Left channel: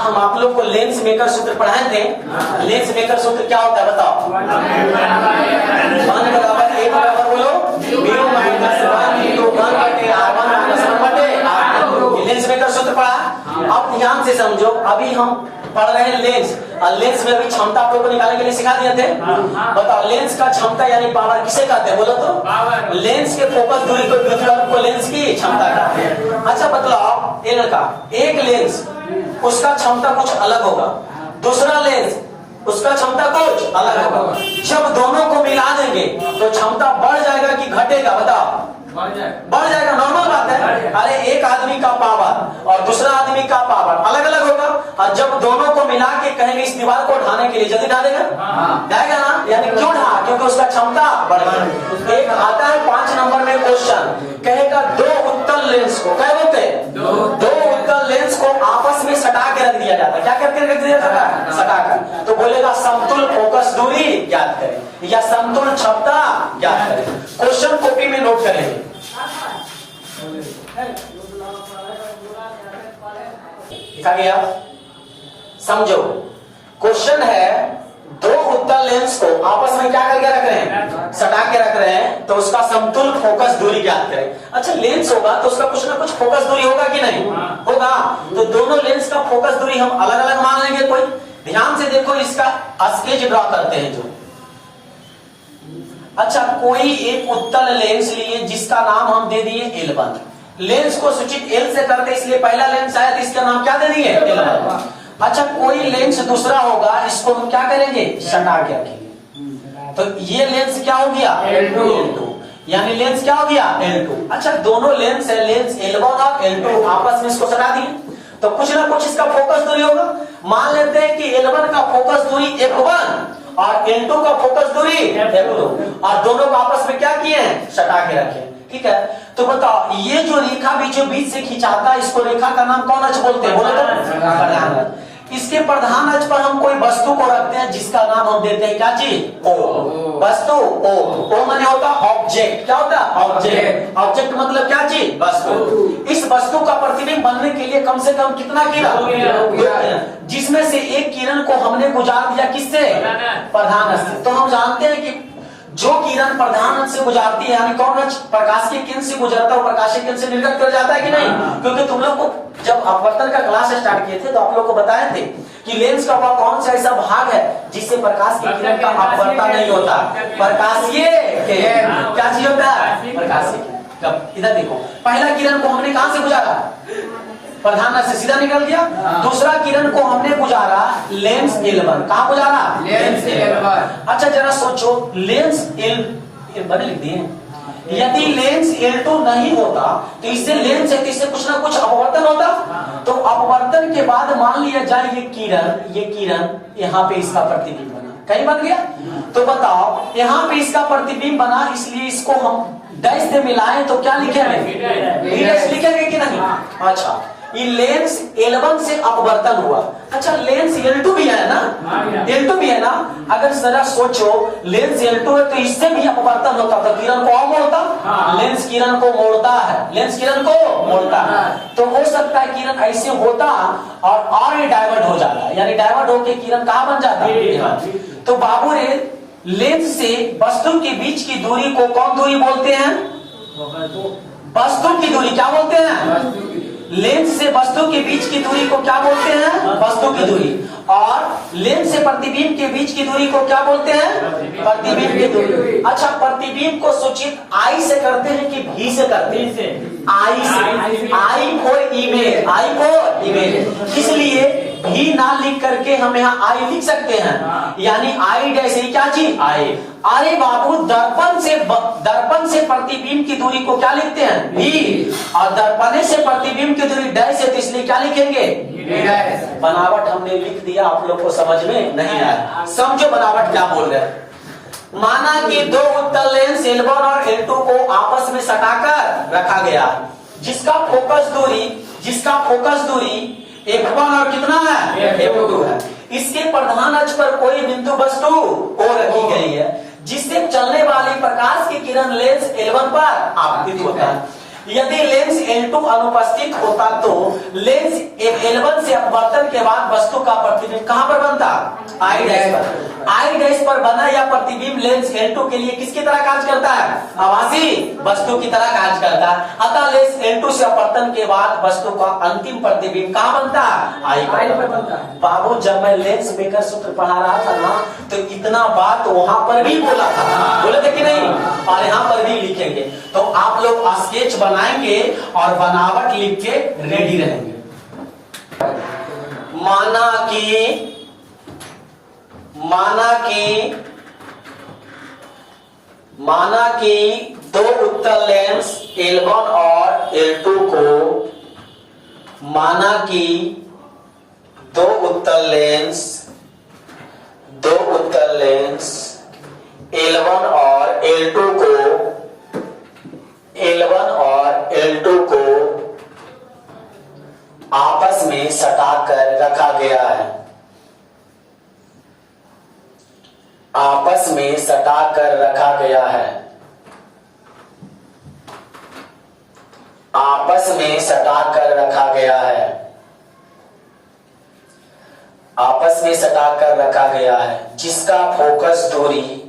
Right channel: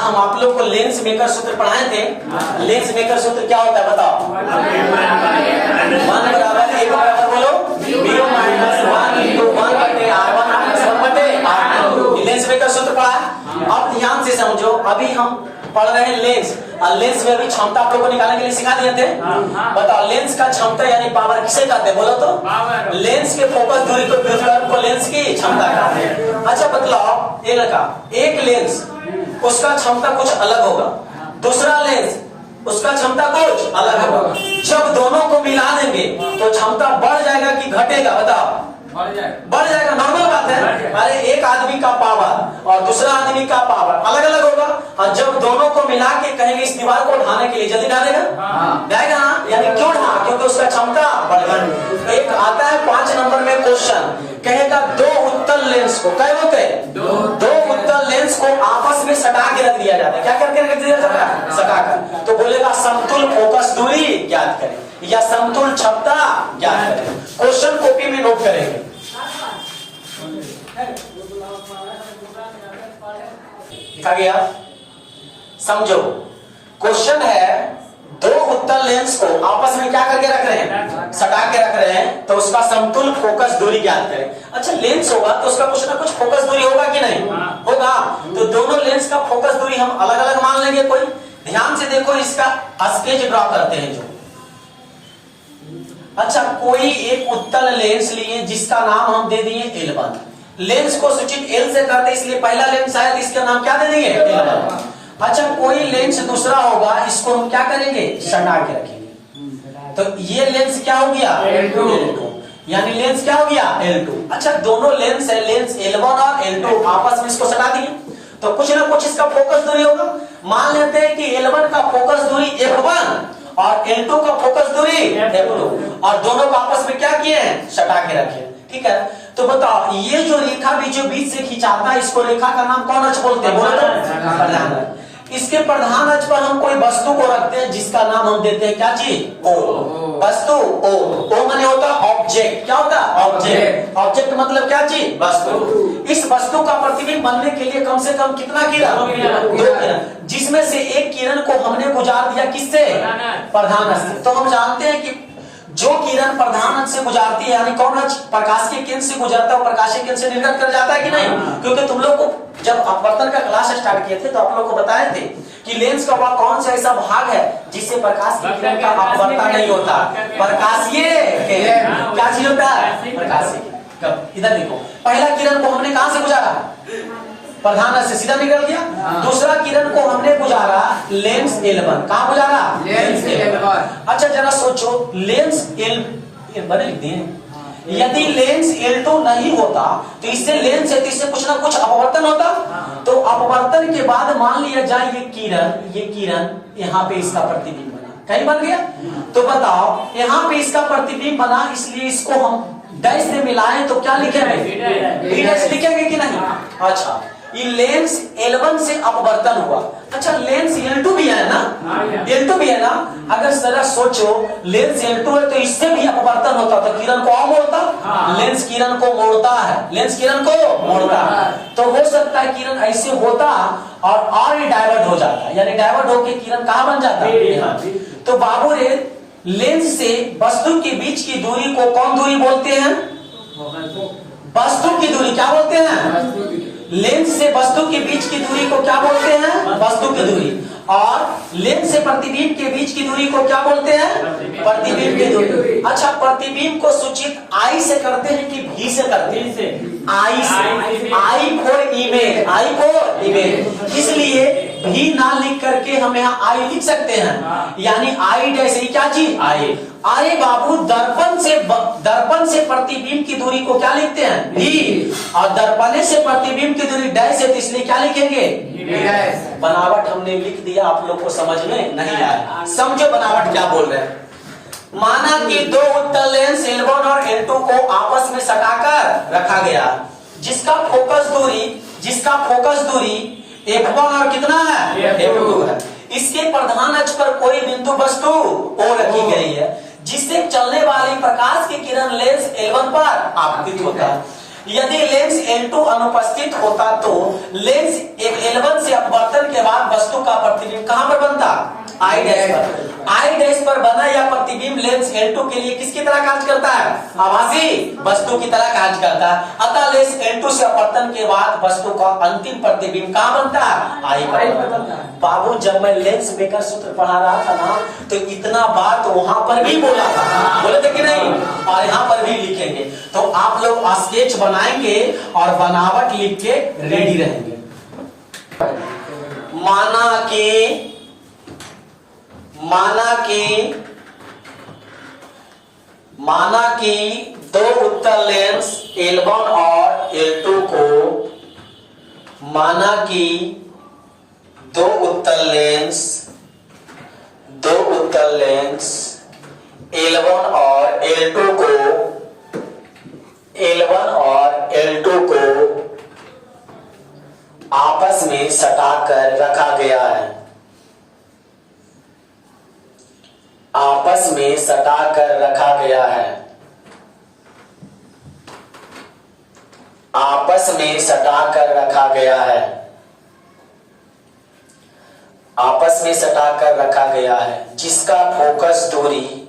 हम आप लोग को लेंस मेकर सूत्र पढ़ाए थे? लेंस मेकर सूत्र क्या होता है बताओ? 1 बराबर ए बराबर बोलो म्यू माइनस 1 इंटू 1 बटे r1 माइनस 1 बटे r2। लेंस मेकर सूत्र पढ़ा। अब ध्यान से समझो, अभी हम पढ़ रहे हैं लेंस, और लेंस में अभी क्षमता आप लोग को निकालने के लिए सिखा दिए थे। बताओ लेंस का क्षमता यानी पावर किसे कहते हैं बोलो तो? लेंस के फोकस दूरी को व्युत्क्रम को लेंस की क्षमता कहते हैं। अच्छा बतलाओ, एल का एक लेंस उसका क्षमता कुछ अलग होगा, दूसरा लेंस उसका क्षमता कुछ अलग होगा। जब दोनों को मिला देंगे तो क्षमता बढ़ जाएगा कि घटेगा बताओ? बढ़ जाएगा, नॉर्मल बात है। अरे एक आदमी का पावर और दूसरा आदमी का पावर अलग अलग होगा, और जब दोनों को मिला के कहेंगे इस दीवार को ढाने के लिए, जल्दी ढालेगा? जाएगा ना? यानी क्यों ढा? क्योंकि उसका क्षमता बढ़ गई। एक आता है 5 नंबर में क्वेश्चन, कहेगा दो उत्तल लेंस को, क्या बोलते हैं? दो उत्तल लेंस को आपस में सटा के रख दिया जाता है। क्या करके रख दिया जाता है? सटा कर। तो बोलेगा समतुल फोकस दूरी ज्ञात करें या समतुल क्षमता ज्ञात करें। क्वेश्चन कॉपी में नोट करेंगे। लिखा गया, समझो। क्वेश्चन है दो उत्तल लेंस को आपस में क्या करके रख रहे हैं? सटा के रख रहे हैं, तो उसका समतुल फोकस दूरी ज्ञात करें। अच्छा लेंस होगा तो उसका कुछ ना कुछ फोकस दूरी होगा कि नहीं होगा? तो दोनों लेंस का फोकस दूरी हम अलग अलग मान लेंगे। कोई ध्यान से देखो, इसका स्केच ड्रॉ करते हैं जो। अच्छा कोई एक उत्तल लेंस लिए जिसका नाम हम दे दिए L1। लेंस को सूचित L से करते इसलिए पहला लेंस आया, तो इसका नाम क्या दे दिए? L1। अच्छा कोई लेंस दूसरा होगा, इसको हम क्या करेंगे? सटा के रखेंगे। तो ये लेंस क्या हो गया? L2। यानी लेंस क्या हो गया? L2। अच्छा दोनों लेंस है, लेंस L1 और L2 आपस में इसको सटा दिए, तो कुछ ना कुछ इसका फोकस दूरी होगा। मान लेते हैं कि L1 का फोकस दूरी F1 और L2 का फोकस दूरी F2, और दोनों को आपस में क्या किए हैं? सटा के रखे। ठीक है, तो बताओ ये जो रेखा बीच से खिंचाता है, इसको रेखा का नाम कौन अक्ष बोलते हैं बोलो तो? प्रधान अक्ष। इसके प्रधान अक्ष पर हम कोई वस्तु को रखते हैं जिसका नाम हम देते हैं क्या चीज? O। वस्तु O माने होता ऑब्जेक्ट। क्या होता है? ऑब्जेक्ट। ऑब्जेक्ट मतलब क्या चीज? वस्तु। इस वस्तु का प्रतिबिंब बनने के लिए कम से कम कितना किरण? 2 किरण, जिसमें से एक किरण को हमने गुजार दिया किससे? प्रधान अक्ष से। तो हम जानते हैं कि जो किरण प्रधान अक्ष से गुजारती है, यानी कौन अक्ष? प्रकाशीय केंद्र से गुजरता है, प्रकाशीय केंद्र से निर्गत कर जाता है कि नहीं? क्योंकि तुम लोग को जब अपवर्तन का क्लास स्टार्ट किए थे तो आप लोग को बताए थे कि लेंस का वह कौन सा ऐसा भाग है जिससे प्रकाश की किरण का अपवर्तन नहीं होता? प्रकाशीय केंद्र। क्या चीज होता है? प्रकाशीय केंद्र। कब? इधर देखो, पहला किरण को हमने कहां से गुजारा? प्रधान अक्ष से सीधा निकल गया। दूसरा किरण को हमने गुजारा लेंस L1। कहां गुजारा? Lens L1। अच्छा जरा सोचो, लेंस L1 लिख दिए, यदि लेंस L2 नहीं होता तो इससे लेंस है तो इससे कुछ ना कुछ अपवर्तन होता। तो अपवर्तन के बाद मान लिया जाए ये किरण यहाँ पे इसका प्रतिबिंब बना, कहीं बन गया। तो बताओ यहाँ पे इसका प्रतिबिंब बना, इसलिए इसको हम डैश से मिलाएं तो क्या लिखेंगे? B डैश लिखेंगे कि नहीं? अच्छा ये लेंस L1 से अपवर्तन हुआ। अच्छा लेंस L2 भी है ना? L2 भी है ना? अगर जरा सोचो लेंस L2 है तो इससे भी अपवर्तन होता तो किरण को मोड़ता। लेंस किरण को मोड़ता है, लेंस किरण को मोड़ता है। तो हो सकता है किरण ऐसे होता और डाइवर्ट हो जाता, यानी डाइवर्ट होकर किरण कहां बन जाता है? तो बाबू रे लेंस से वस्तु के बीच की दूरी को कौन दूरी बोलते हैं? वस्तु की दूरी क्या बोलते हैं? लेंस से वस्तु के बीच की दूरी को क्या बोलते हैं? वस्तु की दूरी। और लेंस से प्रतिबिंब के बीच की दूरी को क्या बोलते हैं? प्रतिबिंब की दूरी। अच्छा प्रतिबिंब को सूचित I से करते हैं कि V से करते हैं? I से। I for image, I for image. इसलिए भी ना लिख करके हम यहाँ I लिख सकते हैं, यानी I जैसे क्या चीज? I। अरे बाबू दर्पण से प्रतिबिंब की दूरी को क्या लिखते हैं? V। और दर्पण से प्रतिबिंब की दूरी डैश है तो इसलिए क्या लिखेंगे? बनावट हमने लिख दिया, आप लोग को समझ में नहीं आया। समझो बनावट क्या बोल रहे हैं। माना कि दो उत्तल लेंस L1 और L2 को आपस में सटाकर रखा गया, जिसका फोकस दूरी F1 और कितना है? F2 है। इसके प्रधान अक्ष पर कोई बिंदु वस्तु O रखी गई है, जिससे चलने वाली प्रकाश की किरण लेंस L1 पर आपतित होता है। यदि लेंस L2 अनुपस्थित होता तो लेंस L1 से अपवर्तन के बाद वस्तु का प्रतिबिंब कहां पर बनता? आई डैश पर। आई डैश पर बना यह प्रतिबिंब लेंस L2 के लिए किसकी तरह कार्य करता है? आभासी वस्तु की तरह कार्य करता है। अतः लेंस L2 से अपवर्तन के बाद वस्तु का अंतिम प्रतिबिंब कहां बनता है? आई पर बनता है। बाबू जब मैं लेंस बेकर सूत्र पढ़ा रहा था ना तो इतना बात वहां पर भी बोला था, बोले थे कि नहीं? और यहाँ पर भी लिखेंगे। तो आप लोग स्केच बनाएंगे और बनावट लिख के रेडी रहेंगे। माना कि दो उत्तल लेंस L1 और L2 को, माना कि दो उत्तल लेंस L1 और L2 को आपस में सटाकर रखा गया है। आपस में सटाकर रखा गया है। आपस में सटाकर रखा गया है। आपस में सटाकर रखा गया है। जिसका फोकस दूरी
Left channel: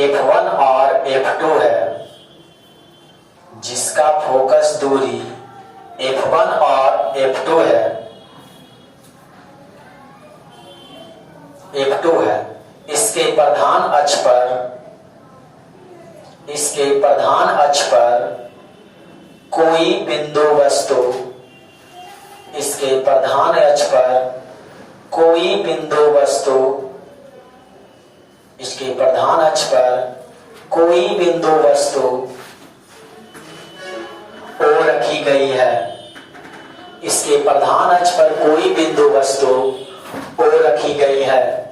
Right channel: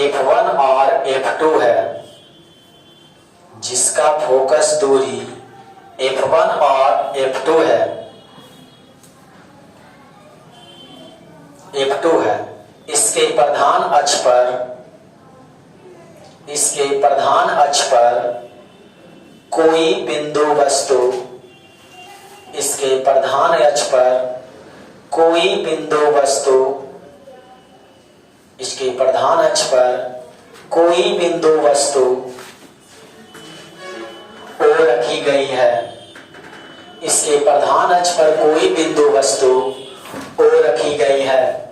F1 और F2 है। जिसका फोकस दूरी F1 और F2 है। इसके प्रधान अक्ष पर कोई बिंदु वस्तु, इसके प्रधान अक्ष पर कोई बिंदु वस्तु O रखी गई है। इसके प्रधान अक्ष पर कोई बिंदु वस्तु O रखी गई है,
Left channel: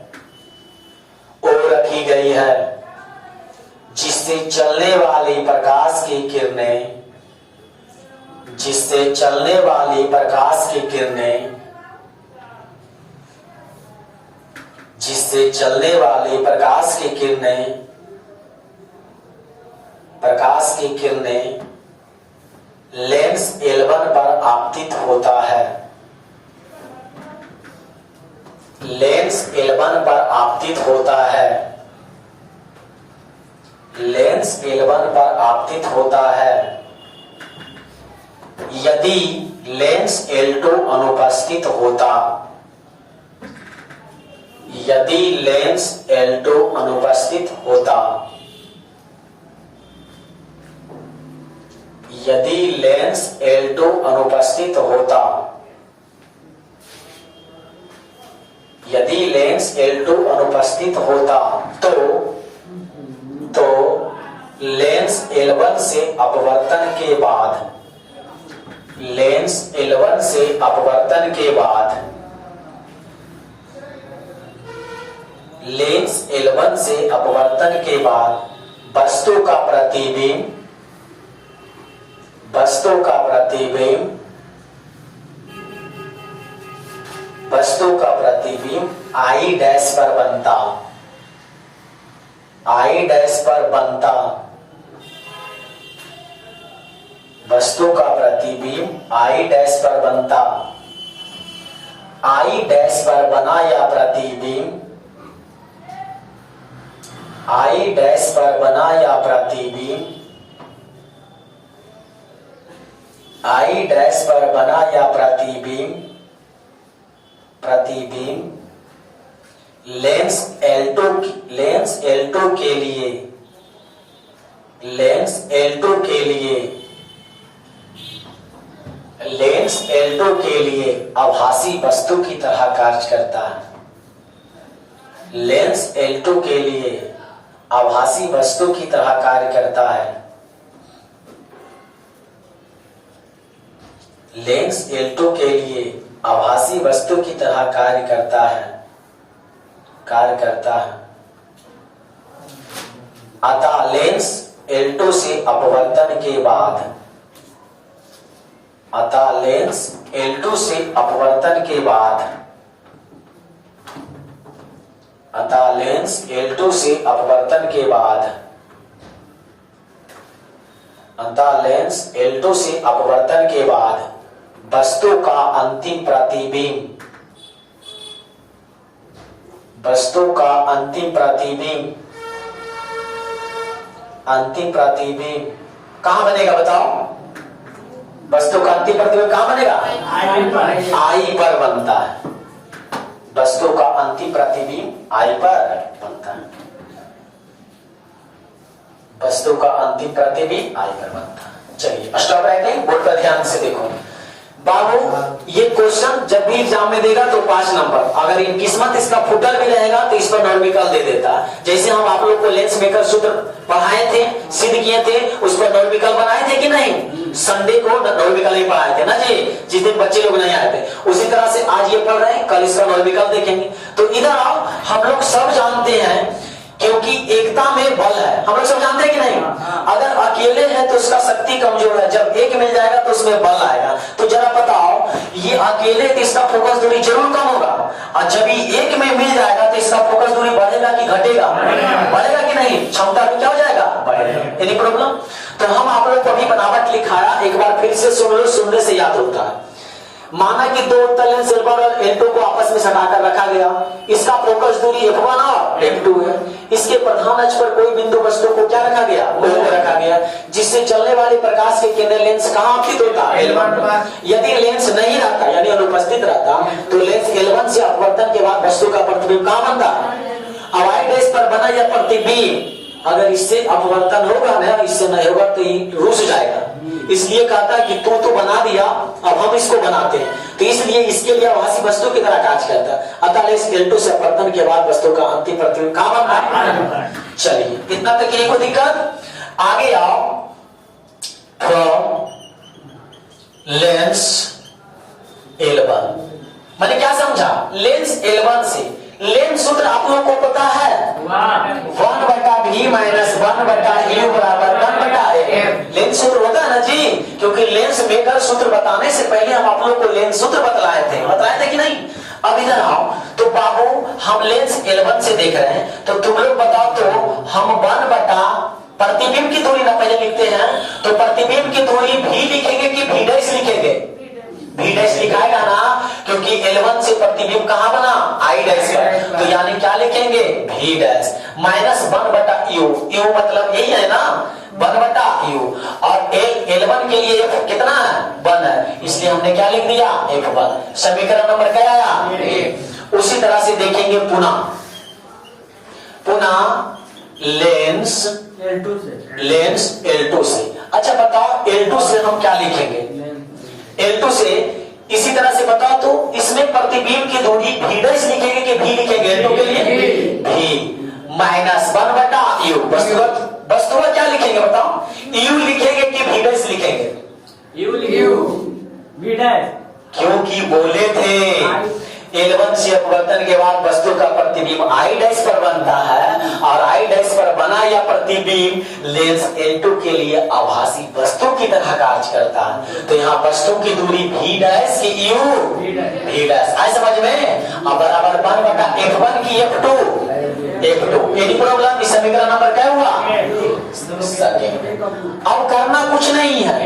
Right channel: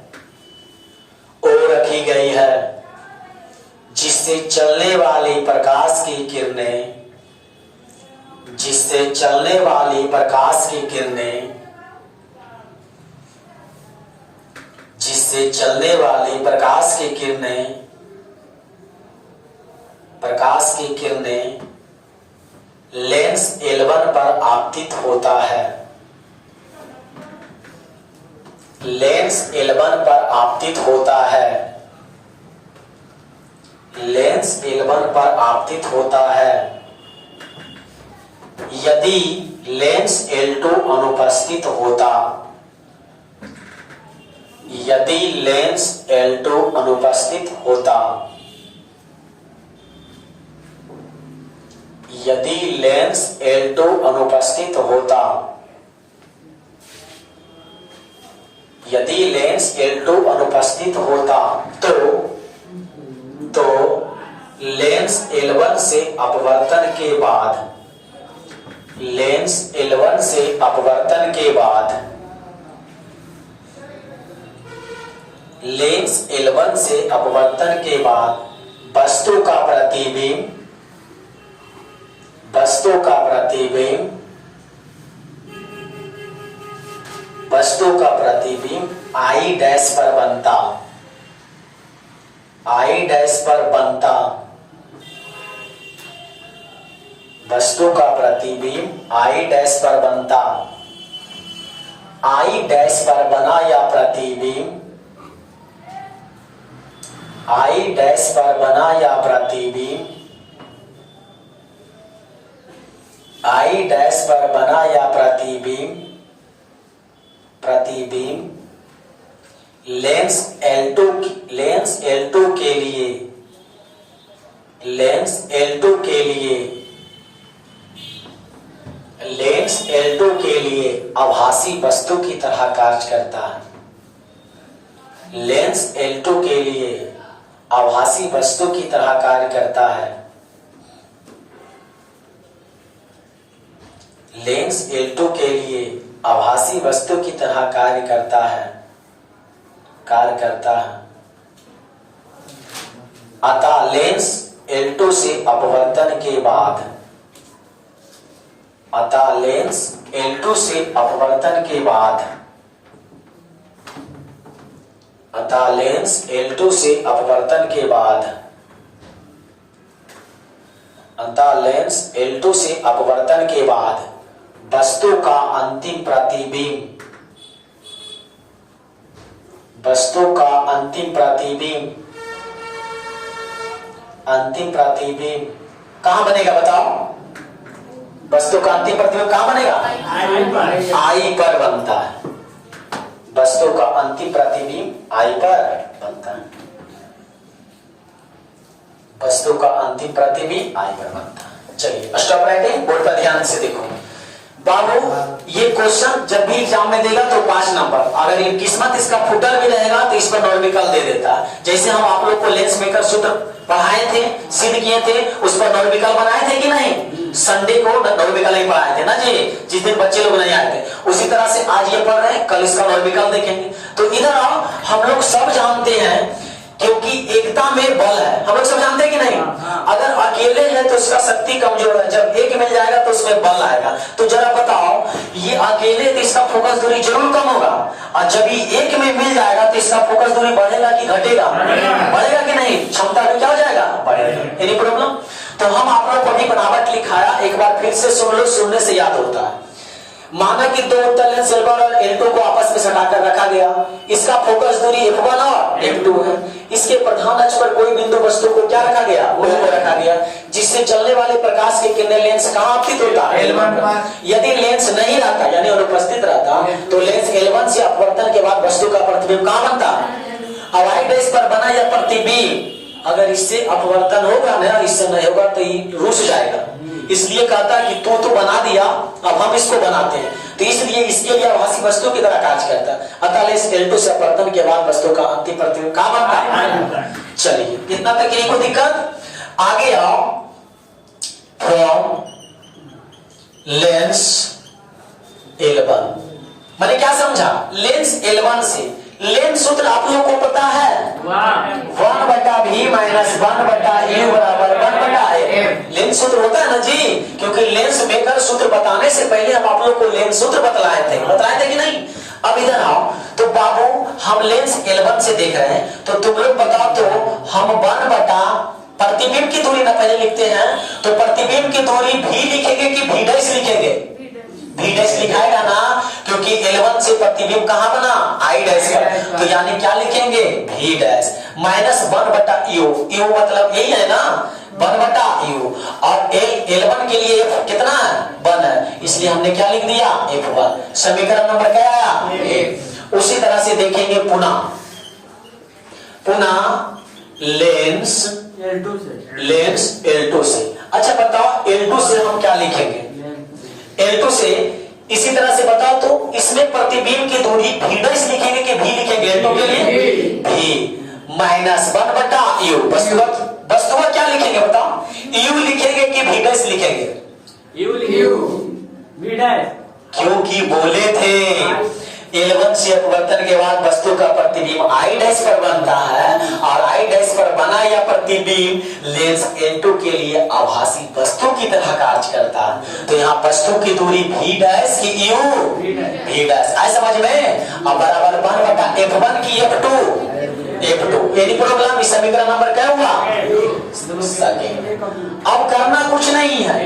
जिससे चलने वाली प्रकाश की किरणें लेंस L1 पर आपतित होता है। लेंस L1 पर आपतित होता है। यदि लेंस L2 अनुपस्थित होता, यदि लेंस L2 अनुपस्थित होता तो लेंस L1 से अपवर्तन के बाद वस्तु का प्रतिबिंब I डैश पर बनता। वस्तु का प्रतिबिंब I डैश पर बनता। I डैश पर बना या प्रतिबिंब लेंस L2 के लिए आभासी वस्तु की तरह कार्य करता है। लेंस L2 के लिए आभासी वस्तु की तरह कार्य करता है। लेंस L2 के लिए आभासी वस्तु की तरह कार्य करता है। अतः लेंस L2 से अपवर्तन के बाद अतः लेंस L2 से अपवर्तन के बाद, अतः लेंस L2 से अपवर्तन के बाद वस्तु का अंतिम प्रतिबिंब, वस्तु का अंतिम प्रतिबिंब, अंतिम प्रतिबिंब कहां बनेगा बताओ? वस्तु का अंतिम प्रतिबिंब कहां बनेगा? आई पर बनता है। वस्तु का अंतिम प्रतिबिंब आई पर बनता है। वस्तु का अंतिम प्रतिबिंब आई पर बनता है। चलिए स्टॉप राइटिंग, बोर्ड पर ध्यान से देखो बाबू। ये क्वेश्चन जब भी एग्जाम में देगा तो 5 नंबर, अगर इन किस्मत इसका फुटल भी रहेगा तो इस पर नॉर्मिकल दे देता है। जैसे हम आप लोग को लेंस मेकर सूत्र पढ़ाए थे, सिद्ध किए थे, उस पर नॉर्मिकल बनाए थे कि नहीं? संडे को नॉर्मिकल ही पढ़ाए थे ना जी, जिस दिन बच्चे लोग नहीं आए थे। उसी तरह से आज ये पढ़ रहे हैं, कल इसका नॉर्मिकल देखेंगे। तो इधर आओ, हम लोग सब जानते हैं क्योंकि एकता में बल है, हम लोग सब जानते हैं कि नहीं? अगर अकेले है तो उसका शक्ति कमजोर है, जब एक मिल जाएगा तो उसमें बल आएगा। तो जरा बताओ, ये अकेले तो इसका फोकस दूरी जरूर कम होगा, और जब ये एक में मिल जाएगा तो इसका फोकस दूरी बढ़ेगा कि घटेगा? बढ़ेगा कि नहीं? क्षमता में क्या हो जाएगा? बढ़ेगा। Any problem? तो हम आप लोग को अभी बनावट लिखाया, एक बार फिर से सुन लो, सुनने से याद होता है। माना कि दो उत्तल लेंस L1 और L2 को आपस में सटाकर रखा गया, इसका फोकस दूरी F1 और F2 है। इसके प्रधान अक्ष पर कोई बिंदु वस्तु को क्या रखा गया? O को रखा गया, जिससे चलने वाले प्रकाश के किरण लेंस कहां आपतित होता? L1 पर। यदि लेंस नहीं रहता यानी अनुपस्थित रहता तो लेंस L1 से अपवर्तन के बाद वस्तु का प्रतिबिंब कहां बनता? अब आई डैश पर बना यह प्रतिबिंब अगर इससे अपवर्तन होगा ना, इससे नहीं होगा तो ये रुस जाएगा। इसलिए कहता है कि तू तो बना दिया, अब हम इसको बनाते हैं। तो इसलिए इसके लिए आभासी वस्तु की तरह कार्य करता है। अतः लेंस L2 से अपवर्तन के बाद वस्तु का अंतिम प्रतिबिंब कहां बनता है? चलिए इतना तक नहीं कोई दिक्कत। आगे आओ, फ्रॉम लेंस L1 मैंने क्या समझा? लेंस L1 से लेंस सूत्र आप लोगों को पता है, 1/v माइनस 1/u बराबर 1/f। लेंस सूत्र होता है ना जी, क्योंकि लेंस मेकर सूत्र बताने से पहले हम आप लोग को लेंस सूत्र बताए थे कि नहीं? अब इधर आओ, तो बाबू हम लेंस L1 से देख रहे हैं, तो तुम लोग बताओ तो हम 1 प्रतिबिंब की दूरी ना पहले लिखते हैं, तो प्रतिबिंब की दूरी v लिखेंगे कि v डैश लिखेंगे? v डैश लिखाएगा ना, क्योंकि L1 से प्रतिबिंब कहां बना? I डैश का। तो यानी क्या लिखेंगे? v dash minus 1/u। u मतलब यही है ना, 1/u। और L1 के लिए f कितना है? 1 है, इसलिए हमने क्या लिख दिया? F1। समीकरण नंबर क्या आया? उसी तरह से देखेंगे पुनः लेंस L2 से। अच्छा बताओ L2 से हम क्या लिखेंगे? L2 से इसी तरह से बताओ तो इसमें प्रतिबिंब की दूरी v डैश लिखेंगे कि v लिखेंगे? L2 के लिए v माइनस 1/u। वस्तु क्या लिखेंगे बताओ? u लिखेंगे कि v डैश लिखेंगे? v डैश, क्योंकि बोले थे L1 से अपवर्तन के बाद वस्तु का प्रतिबिंब I डैश पर बनता है, और I डैश पर बना यह प्रतिबिंब लेंस L2 के लिए आभासी वस्तु की तरह कार्य करता है। तो यहाँ वस्तु की दूरी v डैश की u v डैश आए समझ में? अब बराबर 1/f1 की f2। Any problem? इस समीकरण नंबर क्या हुआ? अब करना कुछ नहीं है,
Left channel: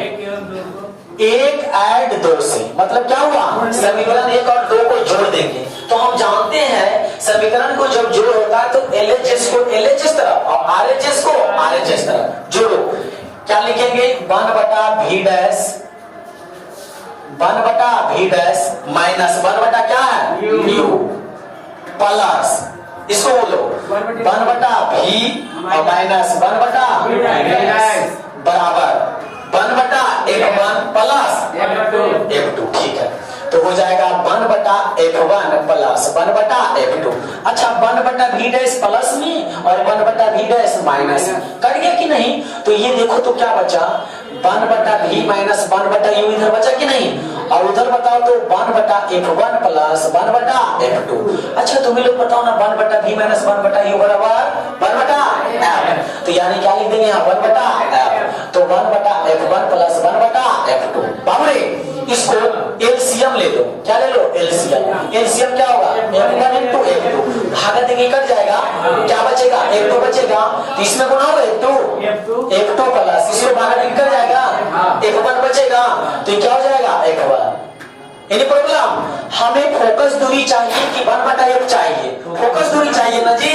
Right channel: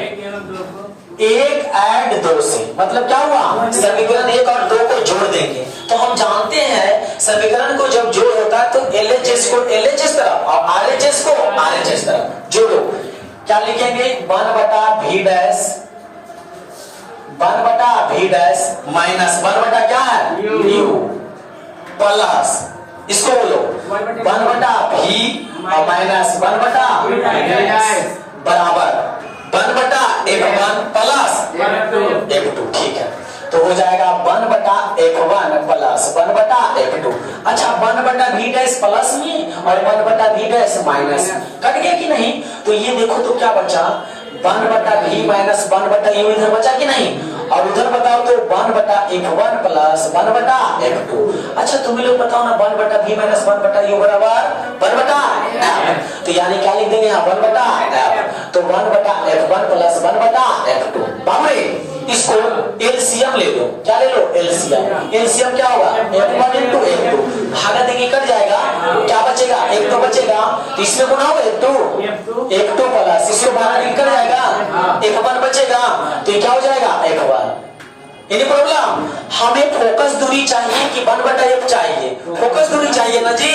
1 ऐड 2 से मतलब क्या हुआ? समीकरण 1 और 2 को जोड़ देंगे। तो हम जानते हैं समीकरण को जब जोड़ होता है तो LHS को LHS तरफ और RHS को RHS तरफ जोड़ो। क्या लिखेंगे? 1/v dash, 1/v dash minus 1 क्या है? u प्लस इसको बोलो 1/v और माइनस 1/v बराबर 1/f1 प्लस f2। ठीक है, तो हो जाएगा 1/f1 प्लस 1/f2। अच्छा 1/v डैश प्लस में और 1/v डैश माइनस कट गया कि नहीं? तो ये देखो तो क्या बचा? 1/v माइनस 1/u इधर बचा कि नहीं? और उधर बताओ तो 1/f1 प्लस 1/f2। अच्छा तुम्हें लोग बताओ ना, 1/v माइनस 1/u बराबर 1/f। तो यानी क्या लिख देंगे यहाँ? 1/f। तो 1/f1 प्लस 1/f2। बाबरे इसको एलसीएम ले लो। क्या ले लो? एलसीएम। एलसीएम क्या होगा? f1 into f2 भागा देंगे कट जाएगा एक तो बचेगा, तो इसमें गुना होगा एक तो प्लस इसमें बाहर निकल जाएगा, एक वन बचेगा, तो ये क्या हो जाएगा एक वन। Any problem? हमें फोकस दूरी चाहिए कि 1/f चाहिए? फोकस दूरी चाहिए ना जी।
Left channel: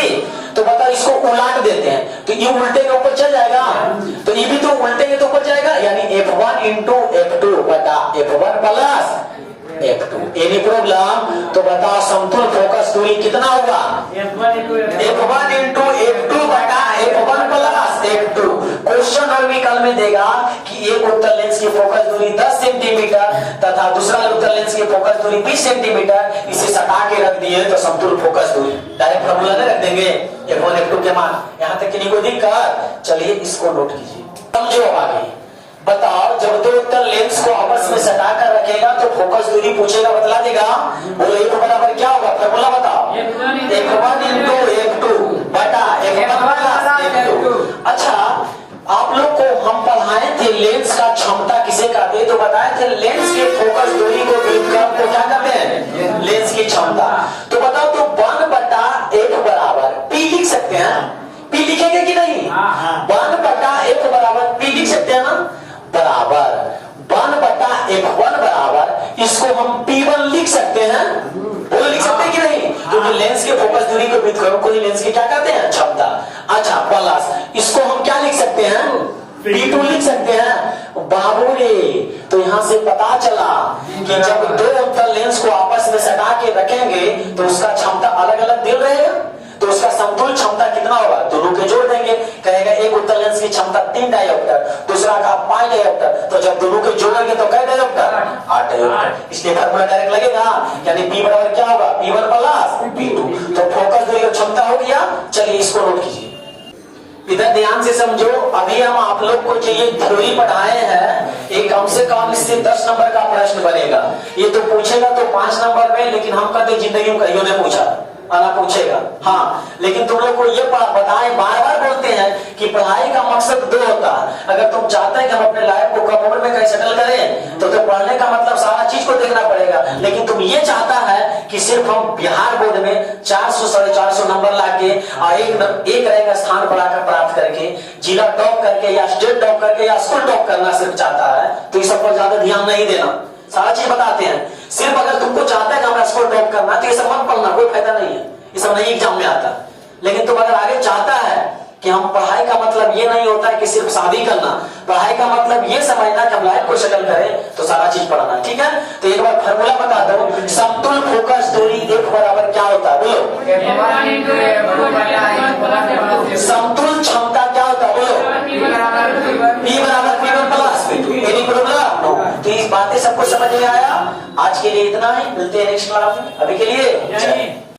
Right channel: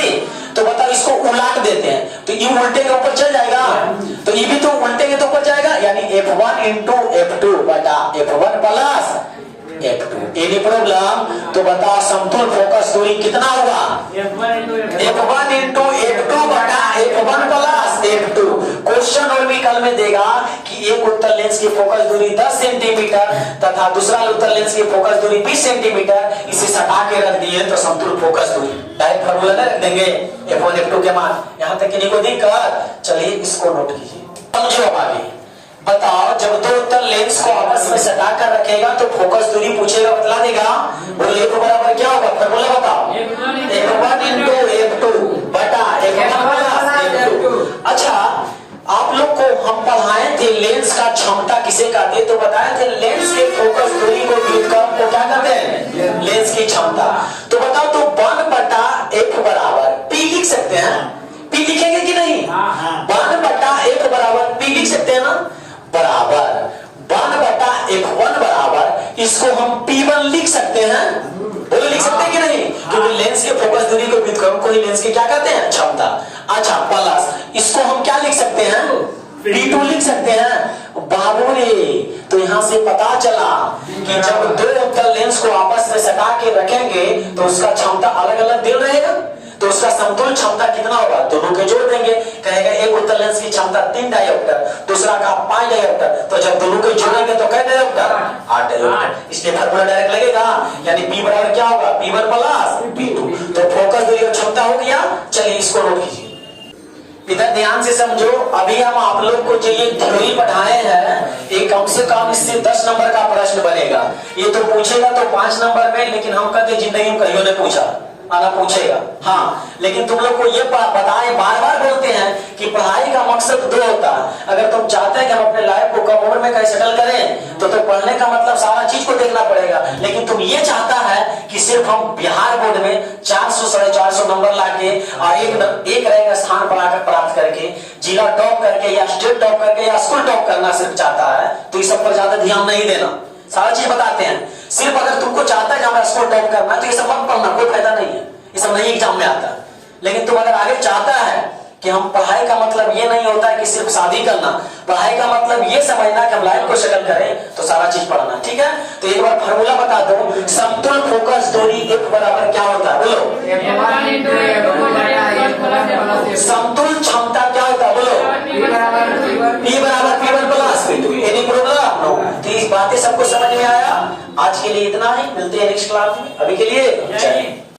तो बताओ इसको उलट देते हैं, तो ये उल्टे के ऊपर चल जाएगा, तो ये भी तो उल्टे के तो ऊपर जाएगा, यानी f1 इंटू f2 बटा f1 plus f2। Any problem? तो बताओ समतुल फोकस दूरी कितना होगा? f1 इंटू f2 बटा f1 प्लस f2। क्वेश्चन अगर भी कल में देगा कि एक उत्तल लेंस की फोकस दूरी 10 सेंटीमीटर तथा दूसरा उत्तल लेंस की फोकस दूरी 20 सेंटीमीटर, इसे सटा के रख दिए तो समतुल फोकस दूरी डायरेक्ट फॉर्मूला नहीं रख देंगे f1 f2 के मान। यहां तक कि नहीं कोई दिक्कत? चलिए इसको नोट कीजिए, समझो अब आगे। बताओ जब दो उत्तल लेंस को आपस में सटा कर रखेगा तो फोकस दूरी पूछेगा, बतला देगा। बोलो एक बराबर क्या होगा? फॉर्मूला बताओ। f1 इंटू f2 बटा f1 प्लस f2। अच्छा, आप लोग को हम पढ़ाए थे लेंस का क्षमता किसे कहते हैं, तो बताए थे लेंस के फोकस दूरी को विद्युत को क्या कहते हैं? लेंस की क्षमता। तो बताओ तो 1/f बराबर p लिख सकते हैं? p लिखेंगे कि नहीं? 1/f बराबर p लिख सकते हैं ना? बराबर 1/f1 बराबर इसको हम p1 लिख सकते हैं। बोलो लिख सकते हैं कि नहीं? क्योंकि लेंस के फोकस दूरी को विद्युत को लेंस की क्या कहते हैं? क्षमता। अच्छा, प्लस इसको हम क्या लिख सकते हैं? p2 लिख सकते हैं। बाबू रे, तो यहां से पता चला कि जब दो उत्तल लेंस को आपस में सटा के रखेंगे तो उसका क्षमता अलग अलग दिल रहेगा, तो उसका समतुल क्षमता कितना होगा? दोनों के जोड़ देंगे। कहेगा एक उत्तल लेंस की क्षमता 3 डायोप्टर, दूसरा का 5 डायोप्टर, तो जब दोनों के जोड़ेंगे तो कै डायोप्टर? 8 डायोप्टर। इसलिए फॉर्मूला डायरेक्ट लगेगा, यानी p बराबर क्या होगा? p1 plus p2। तो फोकस दूरी की क्षमता हो गया। चलिए इसको नोट कीजिए, इधर ध्यान से समझो। अभी हम आप लोग को जो ये थ्योरी पढ़ाए हैं, ये कम से कम इससे 10 नंबर का प्रश्न बनेगा। ये तो पूछेगा तो 5 नंबर में, लेकिन हम कहते जिंदगी में कहियो ने पूछा आना पूछेगा। हाँ, लेकिन तुम लोग को ये बताएं, बार बार बोलते हैं कि पढ़ाई का मकसद 2 होता है। अगर तुम चाहते हैं कि हम अपने लाइफ को कम उम्र में कैसे सेटल करें, तो पढ़ने का मतलब सारा चीज को देखना पड़ेगा। लेकिन तुम ये चाहता है कि सिर्फ हम बिहार बोर्ड में 400 साढ़े 400 नंबर लाके और एक रहेगा स्थान प्राप्त करके, जिला टॉप करके या स्टेट टॉप करके या स्कूल टॉप करना सिर्फ चाहता है, तो इस सब पर ज्यादा ध्यान नहीं देना। सारा चीज बताते हैं। सिर्फ अगर तुमको चाहता है कि हमें स्कोर टॉप करना है तो ये सब मत पढ़ना, कोई फायदा नहीं है, ये सब नहीं एग्जाम में आता। लेकिन तुम अगर आगे चाहता है कि हम पढ़ाई का मतलब ये नहीं होता है कि सिर्फ शादी करना, पढ़ाई का मतलब ये समझना कि हम लाइफ को सेटल करें, तो सारा चीज पढ़ना। ठीक है, तो एक बार फॉर्मूला बता दो। समतुल फोकस दूरी f बराबर क्या होता है? बोलो। समतुल क्षमता क्या होता है? बोलो। p बराबर p1 plus p2। Any problem? तो इस बातें सबको समझ में आया? आज के लिए इतना ही, मिलते हैं नेक्स्ट क्लास में। अभी के लिए